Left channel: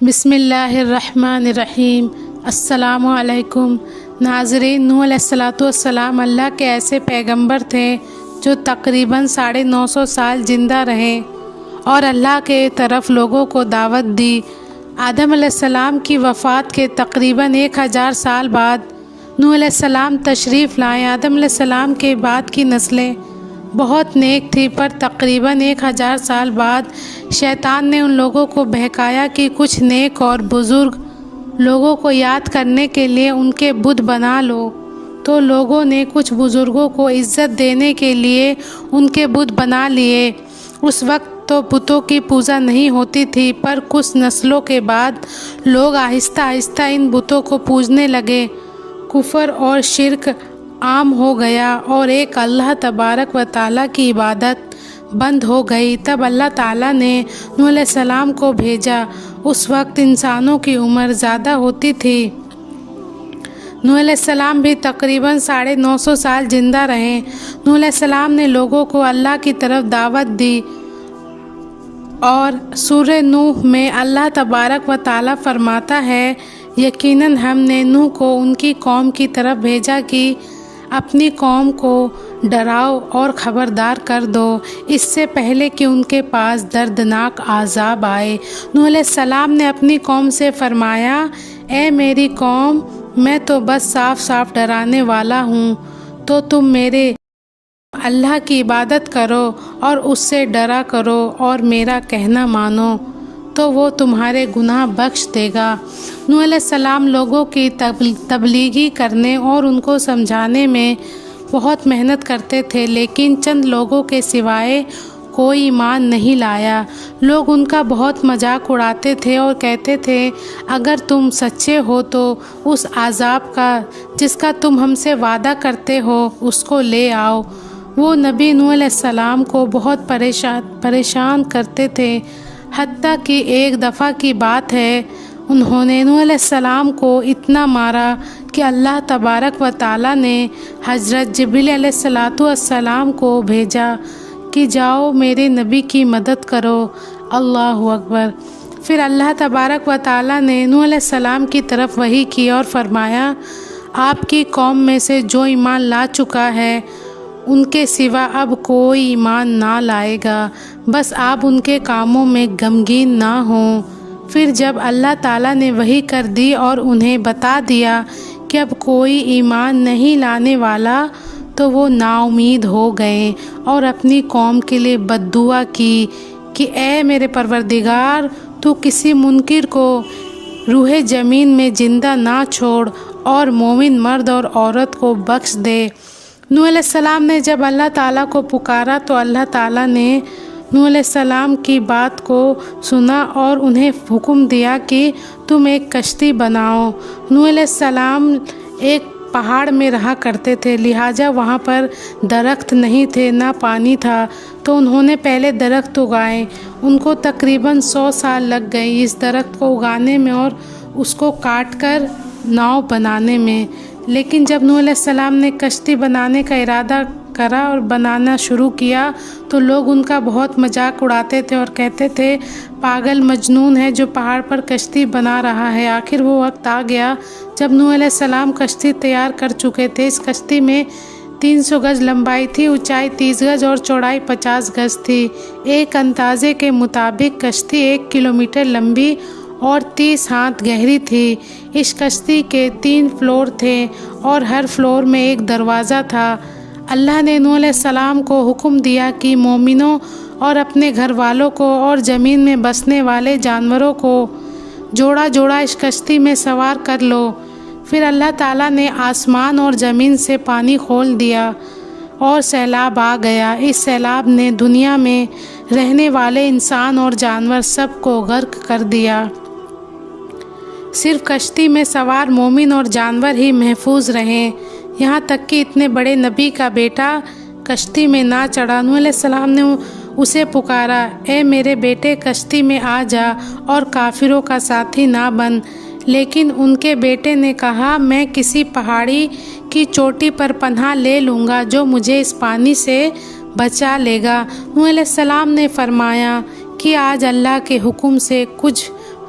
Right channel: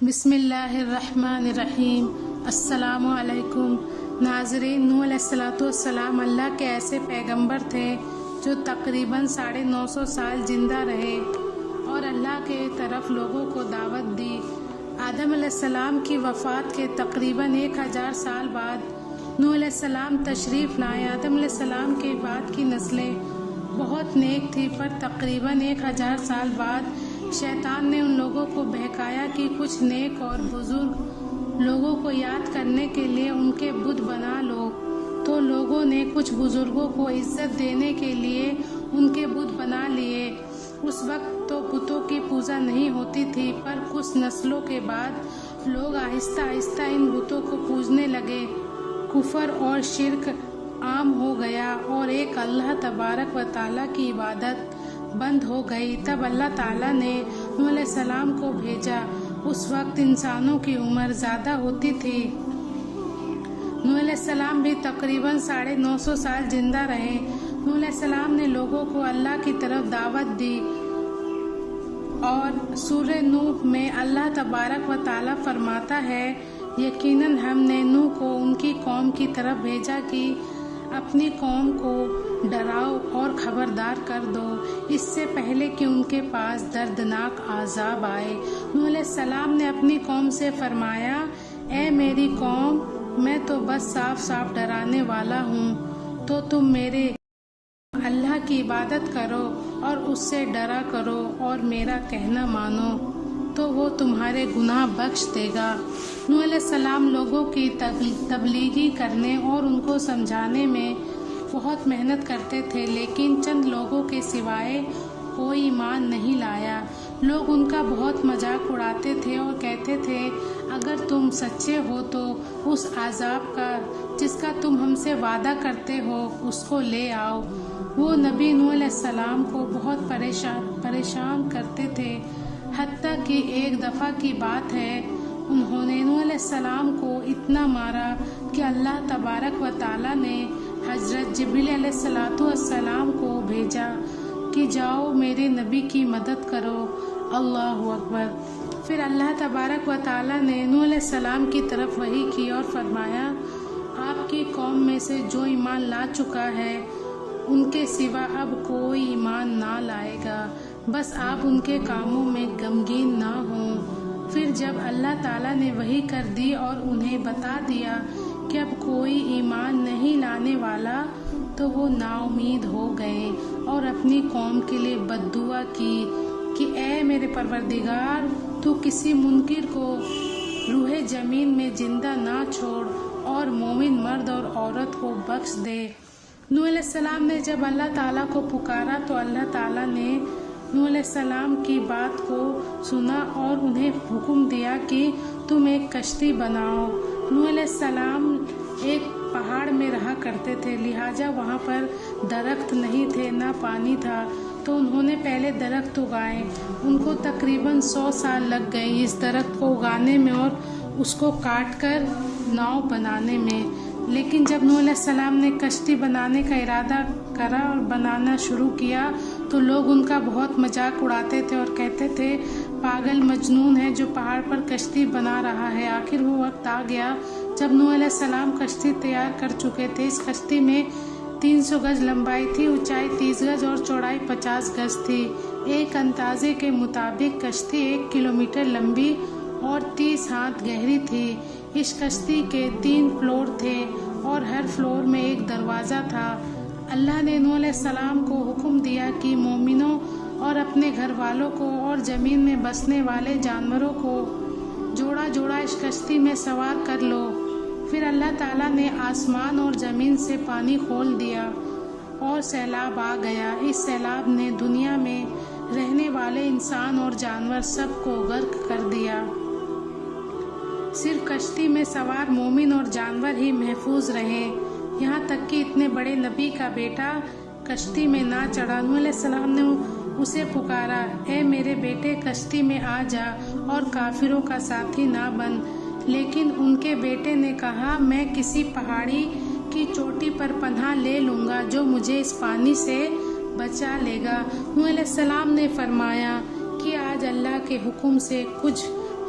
بسم اللہ الرحمن الرحیم۔ السلام علیکم ناظرین، نوح علیہ السلام اللہ کے ایسے پیغمبر تھے جو تقریباً 950 سال زندہ رہے اور اللہ کے طرف لوگوں کو دعوت دی۔ آدم علیہ السلام کی وفات کے تقریباً 1000 سال بعد نوح علیہ السلام تشریف لائے۔ آدم علیہ السلام کے بعد کی نسلیں بہت نیک تھی، پر تقریباً 1000 سال بعد شیطان نے ان لوگوں کو بہکایا کہ کچھ نیک اور بزرگ لوگوں کو یاد کرنے کے لیے ان کے بت بنا لو، تو لوگوں نے کچھ بزرگوں کو عزت دینے کے لیے ان کے بت بنا لیے۔ اس وقت تو بتوں کی پوجا نہیں ہوتی تھی، پر کچھ نسلوں کے بعد لوگ آہستہ آہستہ ان بتوں کو پوجنے لگے۔ کفر اور شرک عام ہو گیا اور ایک اللہ تبارک و تعالیٰ کی عبادت بند ہو گئی۔ تب اللہ تعالیٰ نے نوح علیہ السلام کو بھیجا۔ اس وقت انسانوں کی عمر زیادہ ہوتی تھی۔ نوح علیہ السلام بھی تقریباً 950 سال زندہ رہے۔ نوح علیہ السلام نے لوگوں کو اللہ کی طرف دعوت دی، اور سورہ نوح میں اللہ تبارک و تعالیٰ فرماتا ہے، یقیناً ہم نے نوح کو ان کی قوم کی طرف بھیجا کہ اپنی قوم کو ڈراؤ اور خبردار کر دو، اس سے پہلے کہ ان کے پاس دردناک عذاب آئے۔ نوح علیہ السلام نے اپنی قوم سے فرمایا، اے میری قوم، میں تو بس صاف صاف ڈرانے والا ہوں، تو تم میرے اللہ کی عبادت کرو اور اس سے ڈرا کرو اور میرا کہنا مانو، تو وہ تمہارے گناہ بخش دے گا۔ نوح علیہ السلام لوگوں کی تبلیغی کرنے اور ان کو سمجھانے میں بہت محنت کرتے تھے، لیکن چند لوگوں کے سوائے کوئی ایمان نہیں لایا۔ لوگ ان کا بہت مذاق اڑاتے تھے اور کہتے تھے، اگر تم سچے ہو تو اس عذاب کا جس کا تم ہم سے وعدہ کرتے ہو اس کو لے آؤ۔ وہ نبی نوح علیہ السلام کو بہت پریشان کرتے تھے، حتیٰ کہ ایک دفعہ کی بات ہے، انہوں نے نوح علیہ السلام کو اتنا مارا کہ اللہ تبارک و تعالیٰ نے حضرت جبریل علیہ السلام کو بھیجا کہ جاؤ میرے نبی کی مدد کرو۔ اللہ اکبر۔ پھر اللہ تبارک و تعالیٰ نے نوح علیہ السلام کی طرف وحی کی اور فرمایا، آپ کی قوم میں سے جو ایمان لا چکا ہے ان کے سوا اب کوئی ایمان نہ لائے گا، بس آپ ان کے کاموں میں غمگین نہ ہوں۔ پھر جب اللہ تعالیٰ نے وحی کر دی اور انہیں بتا دیا کہ اب کوئی ایمان نہیں لانے والا، تو وہ نا امید ہو گئے اور اپنی قوم کے لیے بد دعا کی کہ اے میرے پروردگار، تو کسی منکر کو روح زمین میں زندہ نہ چھوڑ اور مومن مرد اور عورت کو بخش دے۔ نوح علیہ السلام نے جب اللہ تعالیٰ کو پکارا تو اللہ تعالیٰ نے نوح علیہ السلام کی بات کو سنا اور انہیں حکم دیا کہ تم ایک کشتی بناؤ۔ نوح علیہ السلام ایک پہاڑ میں رہا کرتے تھے، لہٰذا وہاں پر درخت نہیں تھے، نہ پانی تھا، تو انہوں نے پہلے درخت اگائے۔ ان کو تقریباً 100 سال لگ گئے اس درخت کو اگانے میں اور اس کو کاٹ کر ناؤ بنانے میں۔ لیکن جب نوح علیہ السلام نے کشتی بنانے کا ارادہ کرا اور بنانا شروع کیا تو لوگ ان کا بہت مذاق اڑاتے تھے اور کہتے تھے، پاگل مجنون ہے جو پہاڑ پر کشتی بنا رہا ہے۔ آخر وہ وقت آ گیا جب نوح علیہ السلام کشتی تیار کر چکے تھے۔ اس کشتی میں 300 گز لمبائی تھی، اونچائی 30 گز اور چوڑائی 50 گز تھی۔ ایک اندازے کے مطابق کشتی 1 کلومیٹر لمبی اور 30 ہاتھ گہری تھی۔ اس کشتی کے 3 فلور تھے اور ہر فلور میں ایک دروازہ تھا۔ اللہ نے نوح علیہ السلام کو حکم دیا کہ مومنوں اور اپنے گھر والوں کو اور زمین میں بسنے والے جانوروں کو جوڑا جوڑا اس کشتی میں سوار کر لو۔ پھر اللہ تعالیٰ نے آسمان اور زمین سے پانی کھول دیا اور سیلاب آ گیا۔ اس سیلاب نے دنیا میں رہنے والے انسان اور جانور سب کو غرق کر دیا۔ صرف کشتی میں سوار مومن اور جانور ہی محفوظ رہے، یہاں تک کہ اتنے بڑے نبی کا بیٹا کشتی میں نہ چڑھا۔ نوح علیہ السلام نے اسے پکارا، اے میرے بیٹے، کشتی میں آ جا اور کافروں کا ساتھی نہ بن۔ لیکن ان کے بیٹے نے کہا، میں کسی پہاڑی کی چوٹی پر پناہ لے لوں گا جو مجھے اس پانی سے بچا لے گا۔ نوح علیہ السلام نے فرمایا کہ آج اللہ کے حکم سے کچھ